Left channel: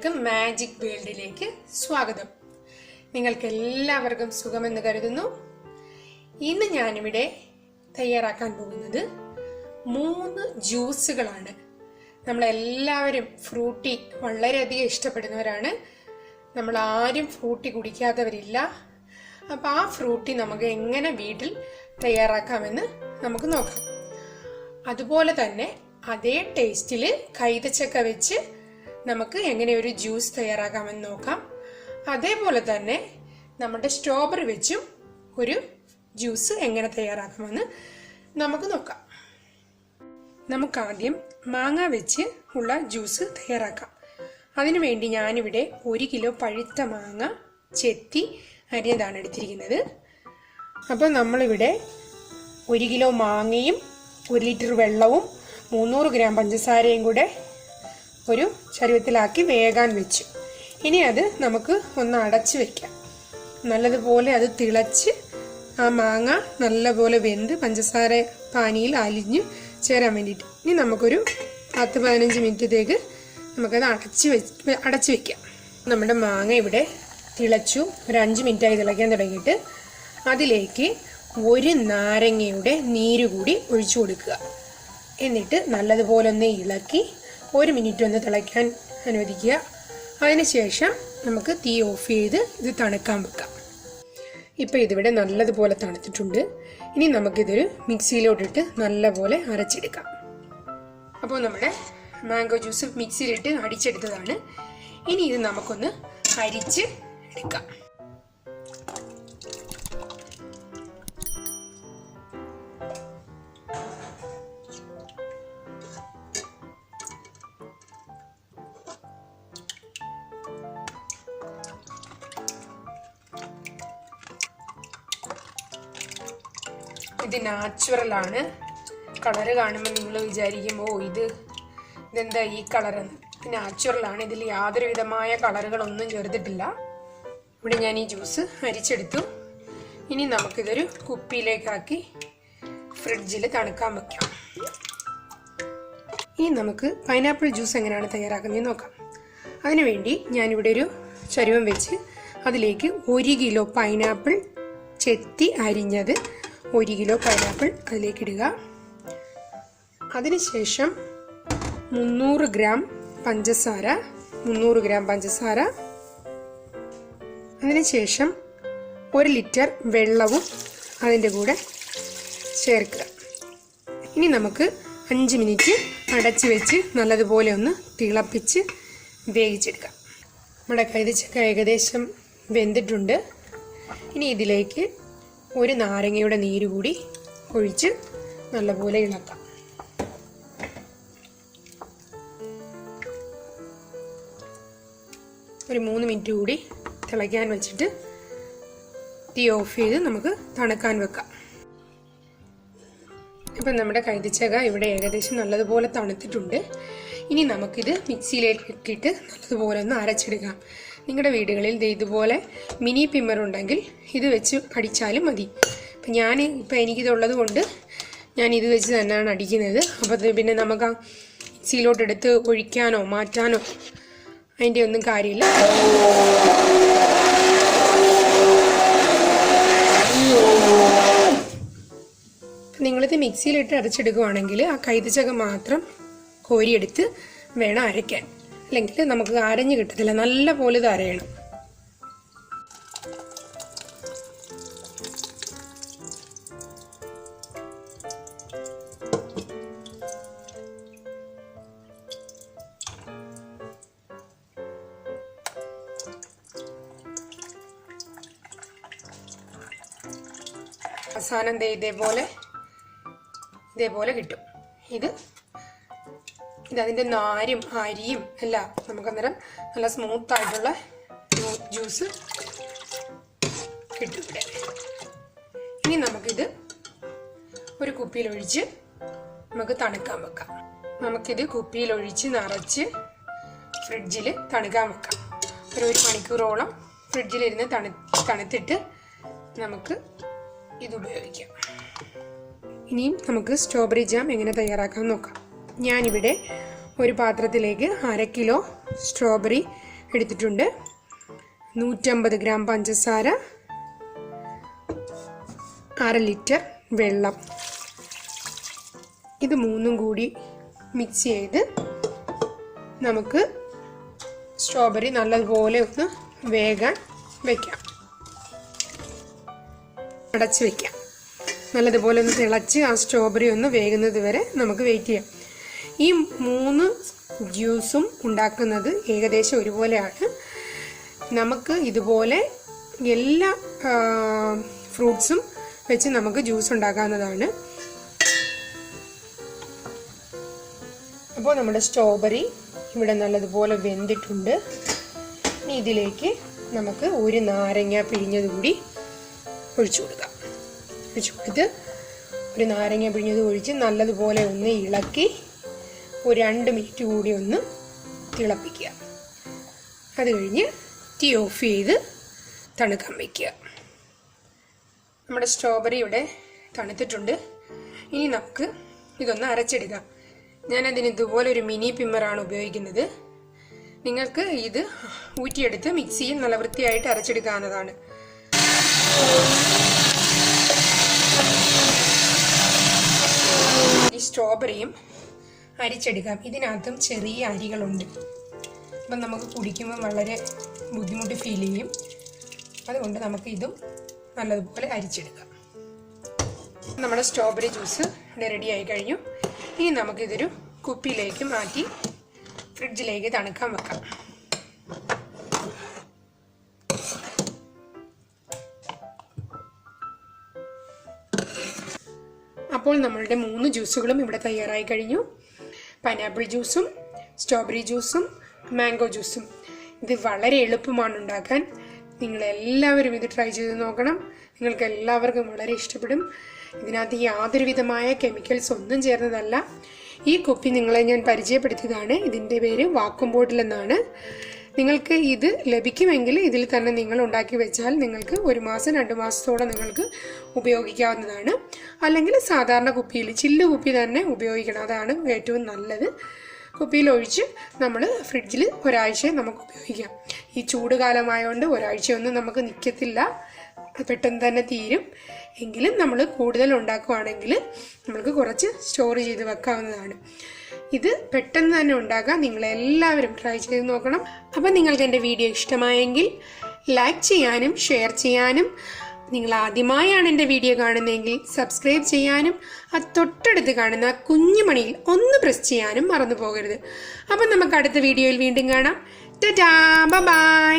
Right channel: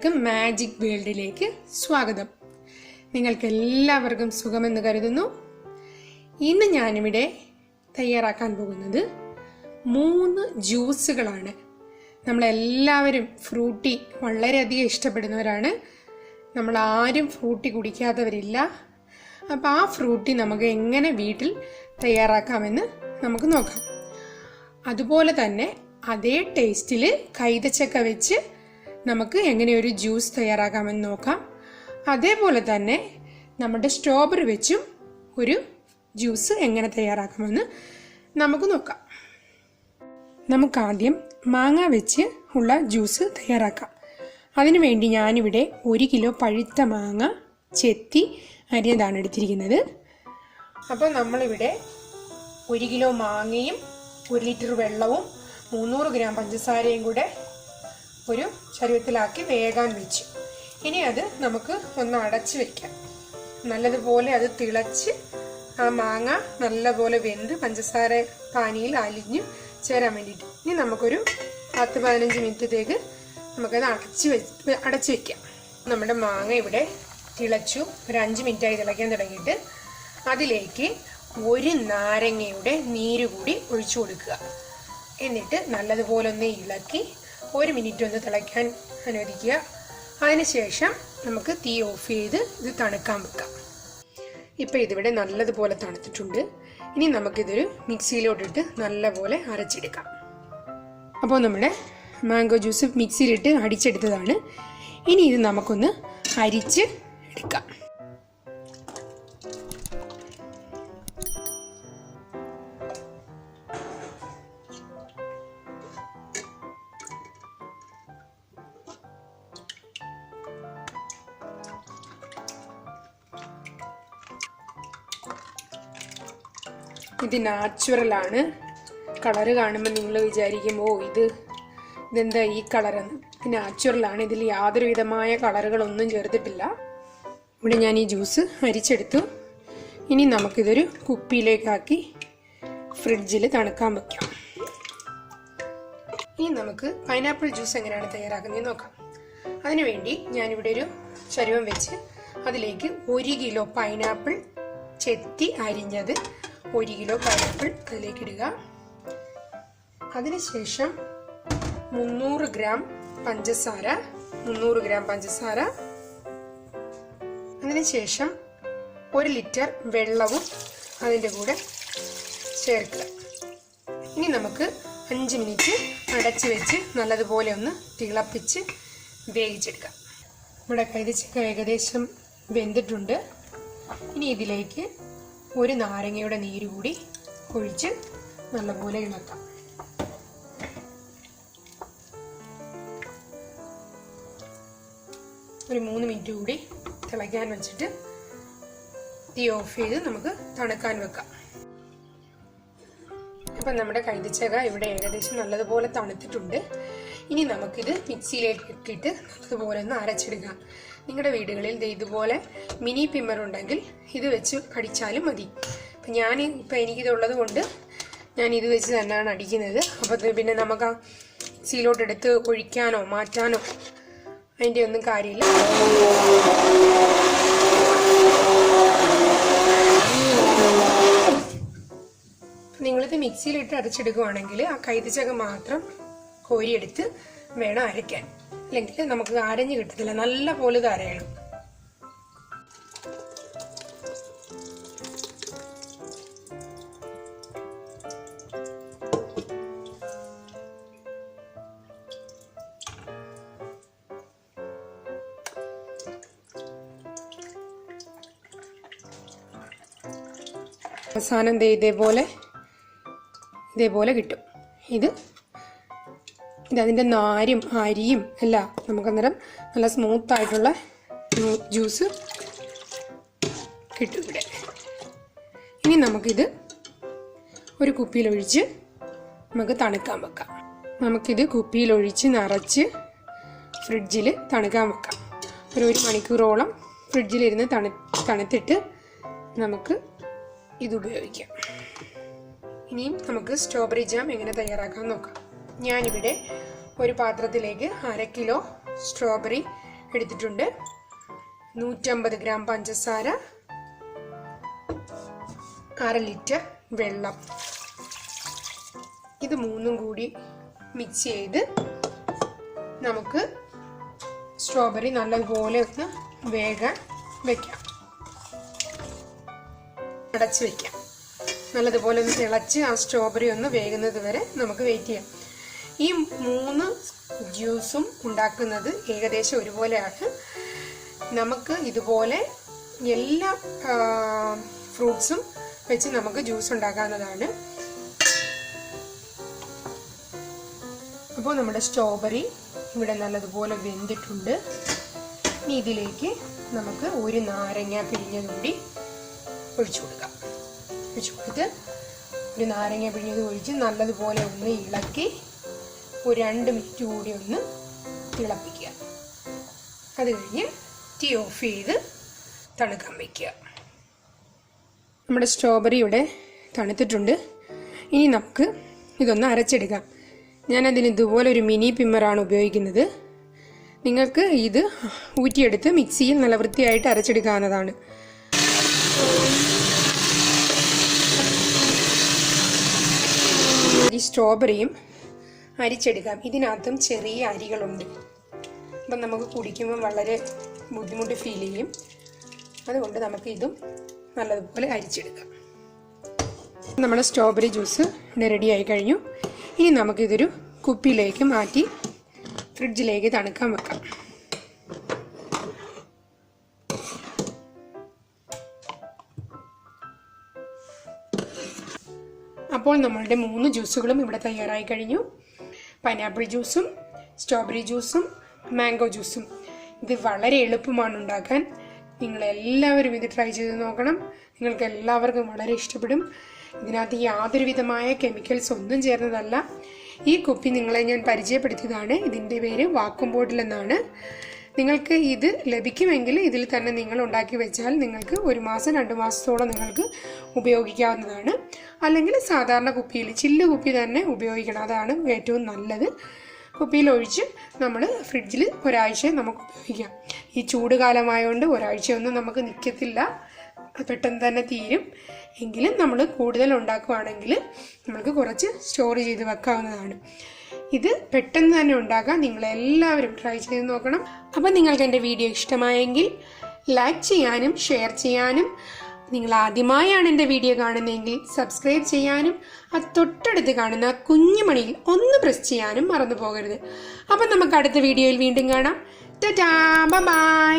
എല്ലാവർക്കും മാജിക് വേൾഡിലേക്ക് സ്വാഗതം. നിങ്ങൾക്കെല്ലാവർക്കും സുഖമെന്ന് കരുതുന്നു. ഇന്ന് ഞാനിവിടെ തയ്യാറാക്കാൻ പോകുന്നത് 3 ജ്യൂസുകളാണ്. നമ്മളെല്ലാവരും ഫ്രൂട്ടി വളരെയധികം ഇഷ്ടപ്പെടുന്നവരാണ്. നമ്മൾ ആരും ഫ്രൂട്ടി കുടിക്കാത്തവരില്ല. അപ്പോൾ ആ ഫ്രൂട്ടി നമുക്ക് എങ്ങനെ വീട്ടിൽ തയ്യാറാക്കാമെന്ന് നമുക്ക് നോക്കാം. അതുപോലെ തന്നെ അതേ ടേസ്റ്റിൽ കൈതച്ചക്ക വെച്ച് നമുക്ക് എങ്ങനെ ഒരു ജ്യൂസ് തയ്യാറാക്കാമെന്ന് നോക്കാം. അതേപോലെ തന്നെ നമ്മുടെ സ്ട്രോബെറി വെച്ചും ഒരു ജ്യൂസ് എങ്ങനെ തയ്യാറാക്കാമെന്ന് നമുക്ക് നോക്കാം. നമുക്കാദ്യം മാങ്ങ വെച്ച് ഉള്ള ജ്യൂസ് തയ്യാറാക്കാം. അതിനുവേണ്ടി ഞാനിവിടെ 1 കിലോ പഴുത്ത മാങ്ങ ചെത്തി അരിഞ്ഞതാണ് എടുത്തിരിക്കുന്നത്. അപ്പോൾ നമ്മളിവിടെ 1 കിലോ മാങ്ങയും 1 ലിറ്റർ വെള്ളവും 300 ഗ്രാം പഞ്ചസാരയും കൂടെ ഒരു ചരുവത്തിലാക്കി വേകാൻ വെച്ചു. ഇനി അത് നമുക്ക് ഒന്ന് അടച്ച് വെക്കാം. നല്ലതുപോലെ അത് തിളച്ച് ആ മാങ്ങ നല്ലപോലെ വെന്ത് പഞ്ചസാര പാനിയിൽ അലിഞ്ഞ് ചേരാൻ വേണ്ടിയിട്ട് ഇനി നമുക്കൊരു 10-15 മിനിറ്റത്തേക്ക് നമുക്കത് അടച്ച് വെക്കാം. നമ്മുടെ മാങ്ങ ഇവിടെ തിളച്ചു. ഒരു 5 മിനിറ്റായി തിളയ്ക്കാൻ തുടങ്ങിയിട്ട് അതിലേക്ക് 1 നാരങ്ങയുടെ നീര് കൂടി ഒഴിച്ചു കൊടുക്കുക. എന്നിട്ട് നല്ലതുപോലെ ഒന്ന് ഇളക്കി 1 മിനിറ്റ് ഒന്ന് തിളയ്ക്കാൻ അനുവദിക്കുക. അതിനുശേഷം നമുക്ക് തീ ഓഫ് ചെയ്ത് ഇത് തണുക്കാൻ വെക്കാം. ഇപ്പോൾ ഇതിവിടെ നല്ലതുപോലെ തണുത്തിട്ടുണ്ട്. ഇനി നമുക്കിതൊരു മിക്സിയിലോട്ടിട്ട് നല്ലപോലെ അരച്ചെടുക്കാം. അപ്പോൾ നമ്മുടെ മാംഗോ ജ്യൂസ് മിക്സിയിലിട്ട് അടിച്ചെടുത്തതാണ്. ഇനി ഇത് നമുക്കൊന്ന് അരിച്ച് എടുക്കാം. ഇത് നാച്ചുറലാണ്. കളറ് കാണുമ്പോൾ നിങ്ങൾ വിചാരിക്കും ഇതെന്താ ഈ കളറെന്ന്. ഇത് നാച്ചുറലാണ്. ഇതിൽ യാതൊരു വിധമായ കളറുകളൊന്നും ചേർത്തിട്ടില്ല. ഇവിടെ ഞാൻ ഈ ജ്യൂസ് അരിച്ചെടുത്തു. ഇനി നമുക്കിതൊരു കുപ്പിയിലേക്കാക്കി ഫ്രിഡ്ജിൽ തണുക്കാൻ വയ്ക്കാം. ഇനി നമുക്ക് പൈനാപ്പിൾ ജ്യൂസ് എങ്ങനെയാണ് തയ്യാറാക്കുന്നത് നോക്കാം. അതിനുവേണ്ടി ഞാനിവിടെ ഒരു ചരുവം വെച്ച് അതിലേക്ക് 1 കിലോ പൈനാപ്പിൾ ചെത്തി അരിഞ്ഞത് 1 കിലോ പൈനാപ്പിൾ അതിലേക്ക് ഇടുക. അതിനുശേഷം 300 ഗ്രാം പഞ്ചസാര അതിനുശേഷം 1 ലിറ്റർ വെള്ളവും അതിൻ്റെ കൂടെ ചേർക്കുക. ഇനി നമുക്ക് 5 മിനിറ്റ് അടച്ച് വെച്ച് നല്ലതുപോലെ ഒന്ന് തിളപ്പിച്ച് വേവിച്ചെടുക്കാം. നമ്മുടെ കൈതച്ചക്ക ഏകദേശം വെന്തിട്ടുണ്ട്. ഇനി ഇതിലേക്ക് 1 നാരങ്ങയുടെ നീര് കൂടി ഒഴിച്ച് നല്ലപോലെ ഇളക്കാം. ഒരു 3 മിനിറ്റ് കൂടി തിളയ്ക്കാൻ വെച്ചിട്ട് തീ ഓഫ് ചെയ്ത് നമുക്ക് തണുക്കാൻ വെക്കാം. ഇപ്പം നമ്മുടെ കൈതച്ചക്ക ഇവിടെ ഏകദേശം നല്ലതുപോലെ തണുത്തിട്ടുണ്ട്. ഇനി നമുക്കിത് മിക്സിയിലേക്ക് ഇട്ടിട്ട് നല്ലതുപോലെ ഒന്ന് അരച്ചെടുക്കാം. നിങ്ങളുടെ വീടുകളിൽ ഇതുപോലെ മിനി പിമ്മർ ഉണ്ടെങ്കിൽ ഇത് വെച്ച് അടിച്ചാലും മതി. ഇപ്പം എനിക്കിതുള്ളത് കൊണ്ട് ഞാൻ ഇത് വെച്ച് തന്നെയാണ് അടിക്കുന്നത്. അപ്പോൾ പിന്നെ നമുക്ക് ആ മിക്സിയിലോട്ടെടുത്ത് ഒഴിക്കാനോ മാറ്റാനോ അതിൻ്റെ ഒന്നും കാര്യമില്ല. നിങ്ങളിത് മിക്സിയിലിട്ട് അരച്ചെടുക്കുകയാണെങ്കിൽ ആ കൈതച്ചക്ക മാത്രം കോരിയെടുത്ത് വേണം അരയ്ക്കാൻ. അല്ലെങ്കിൽ നമുക്ക് അരഞ്ഞ് കിട്ടത്തില്ല. നല്ല പോലെ ഇത് അരയണം. അവസാനം ഇതേപോലെ കിട്ടും. ഇതിൻ്റെ നാരും അരിയും എല്ലാം നമുക്കന്നേരം നല്ല സ്മൂത്തായിട്ടുള്ള ജ്യൂസ് കിട്ടും ഇവിടെ. ഇനി നമുക്കിത് ഒരു കുപ്പിയിലൊഴിച്ച് നമുക്ക് തണുക്കാൻ വെക്കാം. നമുക്കിത് കുപ്പിയിലൊഴിച്ച് നിറച്ച് ഫ്രിഡ്ജിൽ തണുക്കാൻ വെക്കാം. ഒരു മണിക്കൂറോളം ഫ്രിഡ്ജിലിരുന്ന് തണുത്തിട്ട് നമുക്ക് ഇത് ഉപയോഗിക്കാം. ഇനിയും നമുക്ക് സ്ട്രോബെറി ജാം എങ്ങനെ തയ്യാറാക്കാൻ നോക്കാം. ഞാനിവിടെ ഒരു പാത്രത്തിലേക്ക് 1/2 കിലോ സ്ട്രോബെറി എടുത്തിട്ടുണ്ട്. 150 ഗ്രാം പഞ്ചസാര, 1/2 ലിറ്റർ വെള്ളം. ഇത് മൂന്നും കൂടി മിക്സ് ചെയ്ത് നമുക്ക് സ്ട്രോബെറി നല്ലതുപോലെ ഒന്ന് വേകാൻ വയ്ക്കാം. അടച്ച് വയ്ക്കാം. നല്ലതുപോലെ ഒന്ന് തിളച്ച് ആ സ്ട്രോബെറി ഒന്ന് വേകുന്നത് വരെ നമുക്ക് വെയിറ്റ് ചെയ്യാം. ഈ 3 ജ്യൂസും ഉണ്ടാക്കുന്നത് ഏകദേശം ഒരുപോലെയാണ്. നമുക്ക് ഇതുപോലെ എല്ലാ ഫ്രൂട്ട്സും വെച്ച് നമുക്ക് ജ്യൂസ് ഉണ്ടാക്കാവുന്നതാണ്. അപ്പോൾ നമ്മുടെ സ്ട്രോബെറി ഇവിടെ നല്ലതുപോലെ വെന്തിട്ടുണ്ട്. ഇതിലേക്ക് നമുക്ക് ഒരു നാരങ്ങ പിഴിഞ്ഞത് കൂടി ഒഴിച്ചു കൊടുക്കാം. ഒഴിച്ചു കൊടുത്ത് ഒരു നാരങ്ങ പിഴിഞ്ഞത് ഒഴിച്ച് നല്ലതുപോലെ ഒന്ന് ഇളക്കി ഒരു 2 മിനിറ്റ് കൂടി ഒന്ന് തിളപ്പിക്കുക. അത് കഴിഞ്ഞ് തീ ഓഫ് ചെയ്ത് തണുക്കാൻ വയ്ക്കുക. നമ്മുടെ സ്ട്രോബെറി ഇവിടെ തണുത്തിട്ടുണ്ട്. ഇനി നമുക്ക് ഇതൊന്ന് അരച്ചെടുക്കാം. ഞാനതിന് ഇതുപോലെ ഒരു മിനി പിമ്മറാണ് ഉപയോഗിക്കുന്നത്. നിങ്ങൾക്ക് ഇത് ഊറ്റിയെടുത്ത് മിക്സിയിൽ നല്ല വൃത്തിയായിട്ട് അരച്ചെടുക്കാവുന്നതാണ്. ഈ സ്ട്രോബെറിയും അരിച്ചെടുക്കാം. ഇതിനകത്തും ചെറിയ അരികളുണ്ട്. അപ്പം നമുക്ക് കുടിക്കുമ്പോൾ വളരെ ബുദ്ധിമുട്ട് ഫീൽ ചെയ്യും. അതുകൊണ്ട് നമുക്ക് ഇതും നല്ലതുപോലെ അരിച്ചെടുക്കാം. നമ്മുടെ സ്ട്രോബെറി ജ്യൂസ് റെഡി ആയി കഴിഞ്ഞു. ഇനി നമുക്കിതൊരു കുപ്പിയിലേക്ക് മാറ്റി ഫ്രിഡ്ജിലേക്ക് തണുക്കാൻ വെക്കാം. അപ്പോൾ നമ്മളുടെ 3 ജ്യൂസുകളും ഇവിടെ തയ്യാറായി കഴിഞ്ഞു. പൈനാപ്പിൾ ജ്യൂസും സ്ട്രോബെറി ജ്യൂസും മാംഗോ ജ്യൂസും. ഇത് വളരെ എളുപ്പമാണ് ഉണ്ടാക്കാൻ. നിങ്ങളെല്ലാവരും ഇത് ട്രൈ ചെയ്ത് നോക്കണം. നിങ്ങൾക്ക് എല്ലാവർക്കും വളരെ ഇഷ്ടപ്പെടും. ഇതിനകത്ത് യാതൊരു വിധമായ കെമിക്കൽസ് ഒന്നും ചേർന്നതല്ല. ഈ കുപ്പി നിങ്ങളെ ഞാൻ പരിചയപ്പെടുത്തിയതാണ്. ഇതിൻ്റെ പേര് വാക്വം ബോട്ടിൽ എന്നാണ്. നിങ്ങൾക്ക് ഇത് ലഭിക്കുമെങ്കിൽ ഇതിൽ തന്നെ നിങ്ങൾ ഉണ്ടാക്കി വെച്ചാൽ നിങ്ങൾക്ക് 1 മാസം 2 മാസത്തോളം നിങ്ങൾക്ക് ഉപയോഗിക്കാവുന്നതാണ്. അല്ലെങ്കിൽ സാധാരണ കുപ്പിയിൽ ചില്ല് കുപ്പി തന്നെ ഉപയോഗിക്കണം. അതാണ് ഏറ്റവും നല്ലത്. കുപ്പിയിൽ ഒഴിച്ച് നമ്മൾ ഫ്രിഡ്ജിൽ ഒരാഴ്ച നമുക്ക് ഉപയോഗിക്കാം. ഈ ചൂട് കാലമായതുകൊണ്ട് ഒരാഴ്ചയൊന്നും നമുക്ക് നിൽക്കത്തില്ല, പെട്ടെന്ന് തന്നെ തീരും. എങ്കിലും നമ്മൾ കൂടുതൽ ഉണ്ടാക്കുകയാണെങ്കിൽ നമുക്ക് കുറച്ച് സ്റ്റോർ ചെയ്ത് വെക്കാവുന്നതാണ്. ഇത് പെട്ടെന്ന് തന്നെ ഉണ്ടാക്കാൻ നിങ്ങളെല്ലാവരും ട്രൈ ചെയ്ത് നോക്കണം. അപ്പം നിങ്ങൾക്ക് എൻ്റെ വീഡിയോ ഇഷ്ടമായെങ്കിൽ ലൈക്ക് ചെയ്യാനും ഷെയർ ചെയ്യാനും, നിങ്ങൾ ആദ്യമായാണ് എൻ്റെ വീഡിയോ കാണുന്നതെങ്കിൽ സബ്സ്ക്രൈബ് ചെയ്യാനും ആ തൊട്ടടുത്ത് കാണുന്ന കുഞ്ഞു മണിയിൽ ഒന്ന് പ്രസ് ചെയ്യാനും മറന്നു പോകരുത്. അപ്പം നമുക്ക് അടുത്ത വീഡിയോയിൽ വീണ്ടും കാണാം. ടാറ്റാ, ബൈ.